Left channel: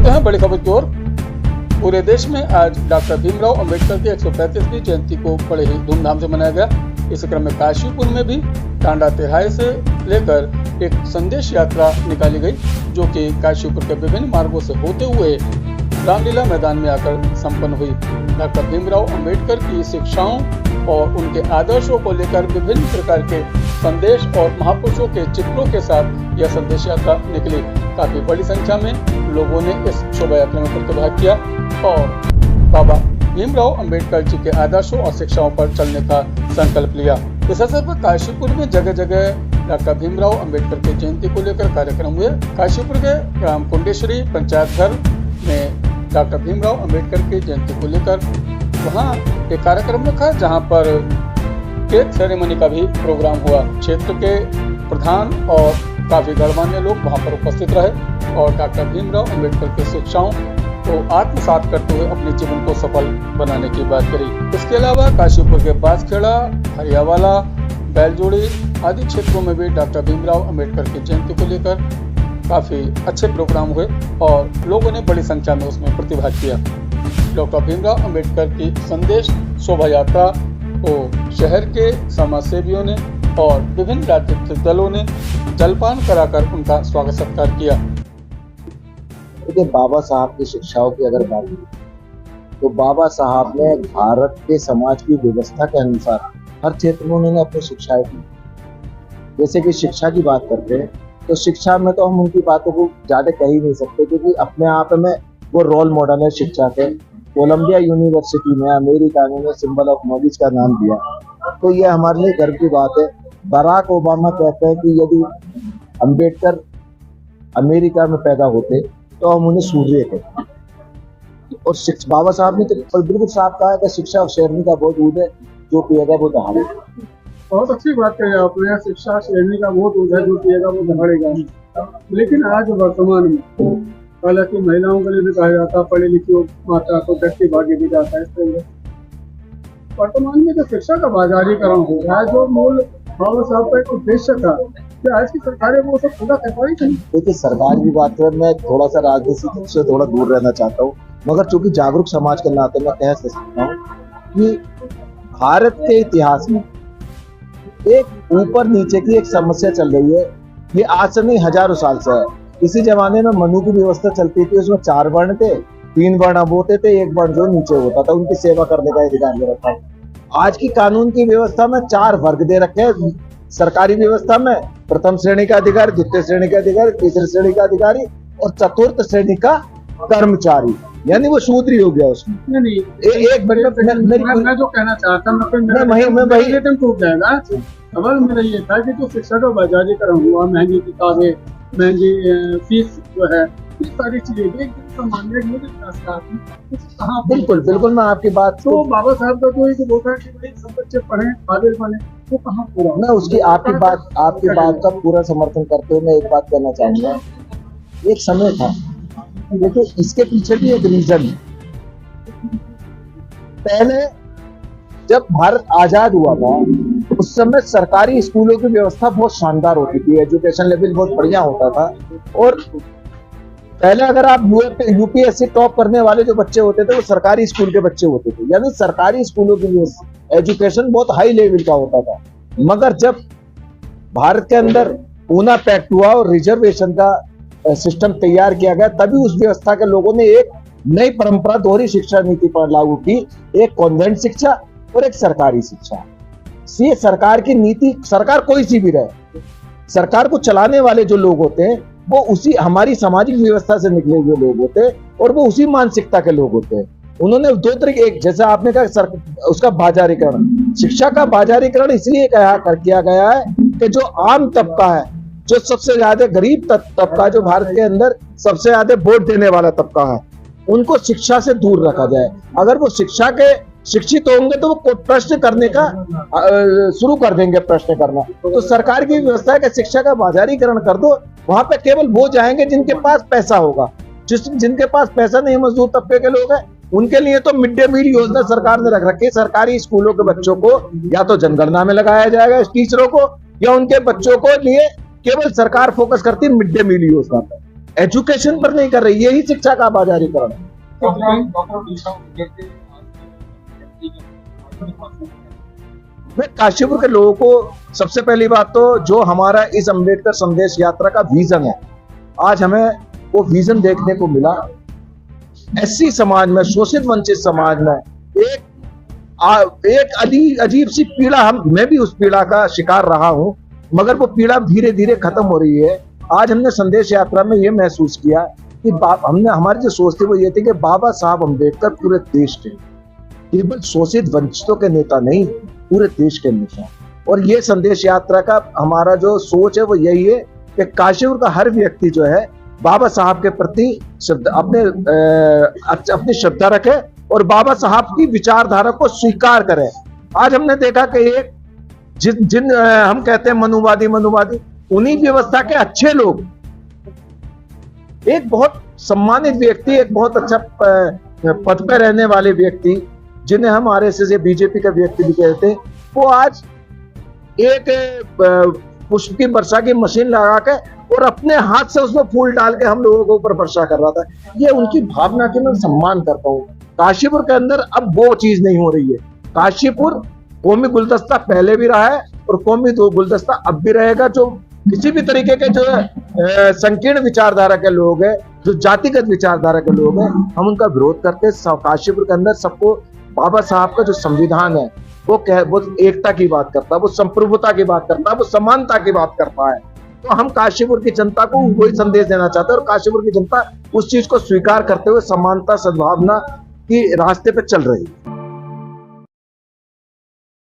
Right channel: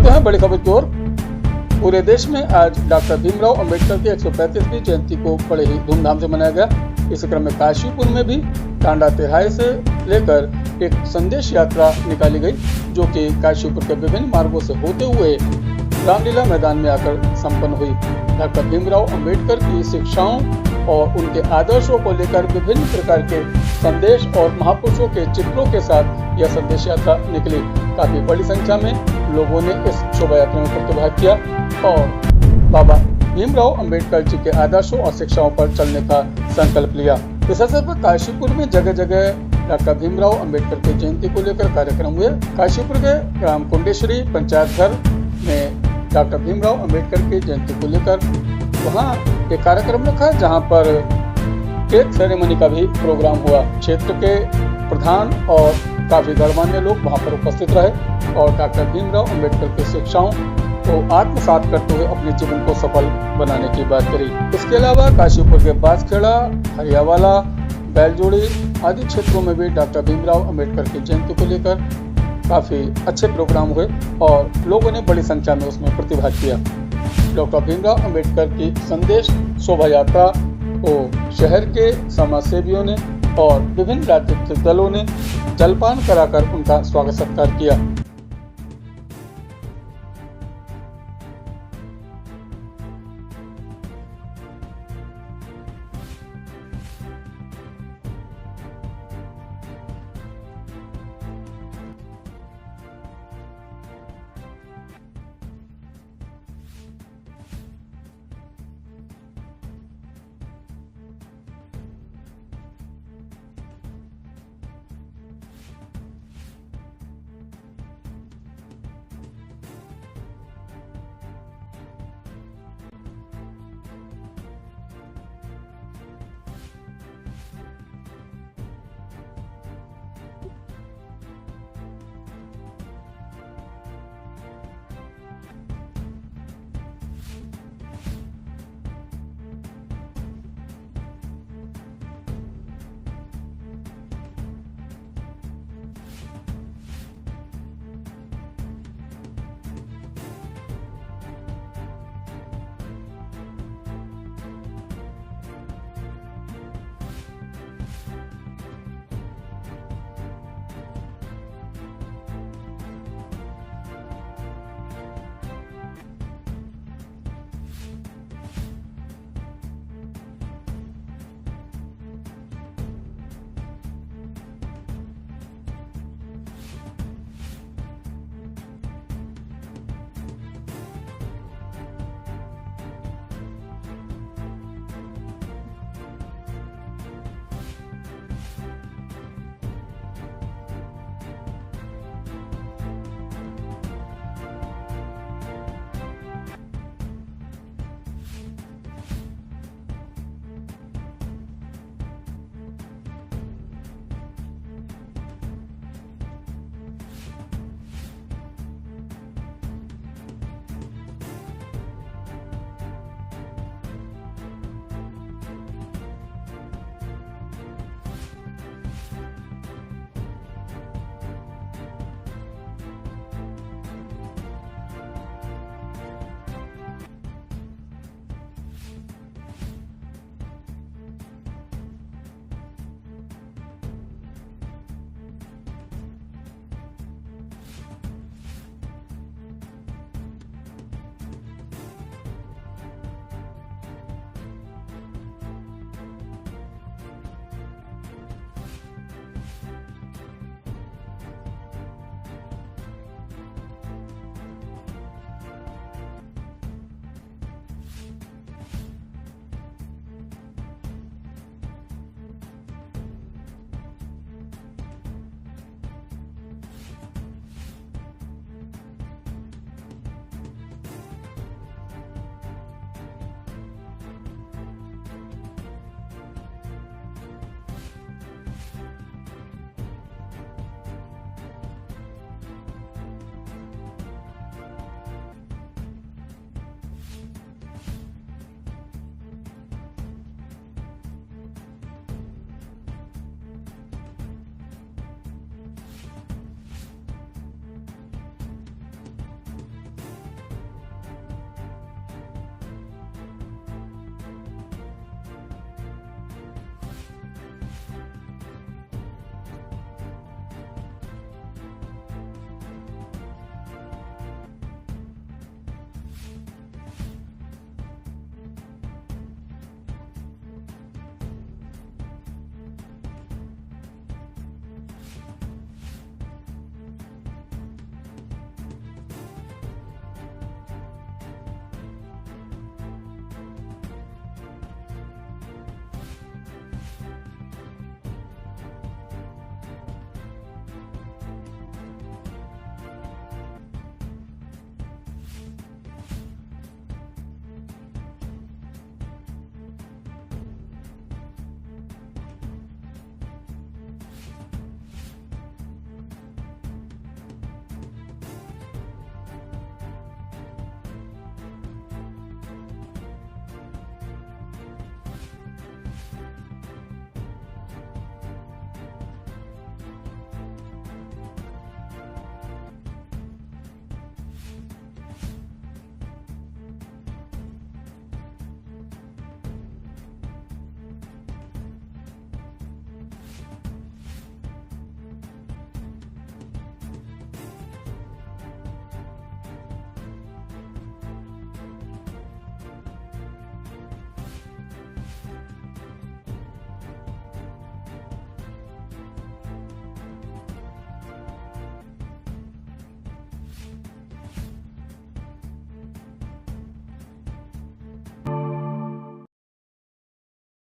बढ़ते हैं बड़ी खबर की ओर। पूरे देश में आज डॉक्टर भीमराव अंबेडकर की 135वीं जयंती को बड़े ही धूमधाम से मनाया गया। इस क्रम में काशीपुर में भी टांडा तिहाई से लेकर एक संदेश यात्रा निकाली गई, जो कि काशीपुर के विभिन्न मार्गों से होते हुए रामलीला मैदान में आकर संपन्न हुई। डॉक्टर भीमराव अंबेडकर की शिक्षाओं और उनके आदर्शों को लेकर विभिन्न प्रकार के संदेश और महापुरुषों के चित्रों के साथ यह संदेश यात्रा निकली। काफी बड़ी संख्या में लोगों ने इस शोभा यात्रा में प्रतिभाग किया और बाबा भीमराव अंबेडकर जी के आदर्शों और शिक्षाओं पर चलने का संकल्प लिया। इस अवसर पर काशीपुर में जगह जगह डॉक्टर भीमराव अंबेडकर की जयंती को लेकर कार्यक्रम हुए। काशीपुर के ग्राम कुंडेश्वरी पंचायत घर में डॉक्टर भीमराव अंबेडकर की जयंती को लेकर वहाँ एक कार्यक्रम रखा, जहाँ पर केक सेरेमनी का भी प्रोग्राम हुआ। क्षेत्र के प्रधान और काफी गणमान्य लोग वहाँ पर उपस्थित रहे और डॉक्टर भीमराव अंबेडकर की शिक्षाओं को आत्मसात करते हुए अपने जीवन को सफल बनाने की बात करी। इसके अलावा काशीपुर के बांसखेड़ा, हरियावाला, बैलजोड़ी आदि क्षेत्रों में भी डॉक्टर भीमराव अंबेडकर की जयंती को लेकर काफी अच्छे प्रोग्राम हुए और लोगों ने बड़ी संख्या में उसमें प्रतिभाग किया। डॉक्टर भीमराव अंबेडकर की संदेश शोभा यात्रा को शहर के समाज सेवियों ने और विभिन्न राजनीतिक दलों ने जलपान कराकर उनका स्वागत सत्कार किया। देखिए, बाबा साहब की शिक्षाओं की अगर बात करें तो बाबा साहब ने भारत के समाज की व्यवस्था के अनुसार हर क्षेत्र में उन्होंने अपनी शिक्षाएं दी। जैसे कि शिक्षा की बात करते हैं तो शिक्षा में तो हम उनकी बातों को ज्यादा कह ही नहीं सकते, क्योंकि अपने आप में वो रोल मॉडल है शिक्षा के। कोलंबिया यूनिवर्सिटी में अमेरिका ने सिंबल ऑफ नॉलेज का नाम दिया, तो ये हमारे लिए गर्व की बात है। बराक ओबामा कहते हैं कि यदि अंबेडकर अमेरिका में पैदा होते तो हम उन्हें सूर्य कहते। और बाबा साहब ने तो बिल्कुल साफ कहा है कि शिक्षा और शेरनी का बहुत दूध है, जो पिएगा वो दहाड़ेगा। बहुत अच्छी बात कही आपने। शिक्षा शेरनी का बहुत दूध है, जो पिएगा वो दहाड़ेगा। लेकिन आज वर्तमान में हालांकि महिलाओं के लिए भी कहा जाता है पढ़ी लिखी माता को व्यक्ति भाग्य भी जाता है। इस तरह वर्तमान में जो शिक्षा का बाजारीकरण हो रहा है, जो मूल बाबा साहब का एक उद्देश्य था, कि आज की सरकारें वो सब पूरा कर पाई नहीं। देखिए, सरकार की बात करें, मैं थोड़ा सा राजनीति से थोड़ा दूर रहना चाहता हूँ, मगर चूंकि जागरूक समाज के नाते मैं कह सकता हूँ कि भारत के इतिहास में एक ऊपर नीचे की एक समस्या चल रही है। ये आज से नहीं, हजारों साल से है। इसी जमाने में मनु की व्यवस्था चलती थी, उसमें 4 वर्ण थे, 3 वर्ण अब होते थे, 1 वर्ण जो नीचे होता था, उनकी सेवा करने का अधिकार दे रखा है। आज की कानून की व्यवस्था में 4 वर्ग दे रखे हैं। सरकारी व्यवस्था में प्रथम श्रेणी का अधिकारी, द्वितीय श्रेणी का अधिकारी, तीसरी श्रेणी का अधिकारी और चतुर्थ श्रेणी का कर्मचारी, यानी वो शूद्र हो गया उसमें। नहीं, एक मैं जो कहना चाहता हूँ टूट जाएगा। सवाल मेरा ये था कि जो शिक्षा का बाजारीकरण हुआ, महंगी किताबें, महंगी फीस जो है, ये सारी चीजें बिल्कुल बिल्कुल मैं आपकी बात तो बाबा साहब का जो एक वो था कि सब बच्चे पढ़े काबिल बने, वो कहाँ पूरा। मैं उसकी आपकी बात का पूरा समर्थन करते हुए मैं एक बात कहना चाहूंगा। एक समय था, देखिए इसके पीछे भी एक रीजन है। पहले जब भारत आजाद हुआ था उस समय सरकारी स्कूलों की व्यवस्था बहुत शानदार होती थी, एजुकेशन लेवल बहुत बढ़िया होता था। और पहले अगर आप यूपीएससी टॉप करने वाले जो बच्चे होते थे वो सरकारी स्कूल के बच्चे होते थे, यानी सरकारी स्कूलों की एजुकेशन बहुत हाई लेवल का होता था। मगर जब भारत के अंदर पूना पैक्ट हुआ और रिजर्वेशन का सिस्टम तैयार किया गया, तभी उस व्यवस्था के लोगों ने एक नई परंपरा दोहरी शिक्षा नीति पर लागू की, एक कॉन्वेंट शिक्षा और एक सरकारी शिक्षा। ये सरकार की नीति, सरकार कोई सी भी रहे, सरकार को चलाने वाले जो लोग होते हैं वो उसी हमारी सामाजिक व्यवस्था से निकले हुए लोग होते हैं और वो उसी मानसिकता के लोग होते हैं। उन्होंने 2 तरीके, एक जैसा आपने कहा उसका बाजारीकरण, शिक्षा का बाजारीकरण इसलिए किया गया है कि जो आम तबका है, जो सबसे ज्यादा गरीब तबका, जो भारत के अंदर सबसे ज्यादा वोट देने वाला तबका है, उनको शिक्षा से दूर रखा जाए। अगर वो शिक्षा के शिक्षित होंगे तो वो प्रश्न करने का शुरू कर देंगे, प्रश्न करना। तो सरकार की व्यवस्था है कि शिक्षा का बाजारीकरण कर दो, वहां पे केवल वो जाएंगे जिनके पास पैसा होगा। जिनके पास पैसा नहीं, मजदूर तबके के लोग हैं, उनके लिए तो मिड डे मील योजना सरकार ने रख रखी है। सरकारी स्कूलों के बच्चों को या तो जनगणना में लगाया जाएगा टीचरों को, या उनके बच्चों को लिए केवल सरकार फोकस करती है मिड डे मील योजना पर। एजुकेशन पर नहीं कर रही, यही शिक्षा का बाजारीकरण है। मैं काशीपुर के लोगों को सबसे पहली बात तो जो हमारा इस अंबेडकर संदेश यात्रा का विजन है, आज हमें वो विजन देखने को मिला। एससी समाज में, शोषित वंचित समाज में एक अजीब सी पीड़ा, मैं भी उस पीड़ा का शिकार रहा हूं, मगर वो पीड़ा धीरे धीरे खत्म हो रही है। आज हमने संदेश यात्रा में ये महसूस किया कि हमने हमारी जो सोच थी वो ये थी कि बाबा साहब अम्बेडकर पूरे देश के, केवल शोषित वंचितों के नेता नहीं, पूरे देश के नेता। और ये संदेश यात्रा का हमारा जो सोच है वो यही है कि काशीपुर का हर व्यक्ति जो है बाबा साहब के प्रति अपनी श्रद्धा रखे और बाबा साहब की विचारधारा को स्वीकार करे। आज हमने देखा कि एक जिन हम कहते हैं मनुवादी उन्हीं व्यवस्था के अच्छे लोग, एक बहुत सम्मानित व्यक्ति, एक बहुत अच्छा पद पर रहने वाले व्यक्ति जिन्हें हम आरएसएस या बीजेपी का व्यक्ति भी कहते हैं, वो आज एक पुष्प की वर्षा की मशीन लगा के और अपने हाथ से उसमें फूल डाल के हम लोगों के ऊपर वर्षा कर रहा था। ये उनकी भावना की मैं सम्मान करता हूँ। काशीपुर के अंदर अब वो चीज नहीं हो रही है। काशीपुर कौमी गुलदस्ता पहले भी रहा है और कौमी गुलदस्ता अब भी रहेगा। जो किसी भी तरीके के जो संकीर्ण विचारधारा के लोग हैं, जो जातिगत विचारधारा के लोग हैं, हम उनका विरोध करते हैं। काशीपुर के अंदर सबको बाबा साहब का जो संविधान है वो एकता की बात करता है, वो संप्रभुता की बात करता है, वो समानता की बात करता है। तो हम काशीपुर की जनता को वही संदेश देना चाहते हैं और काशीपुर की जनता उस चीज को स्वीकार करते हुए समानता सद्भावना की रास्ते पे चल रही है।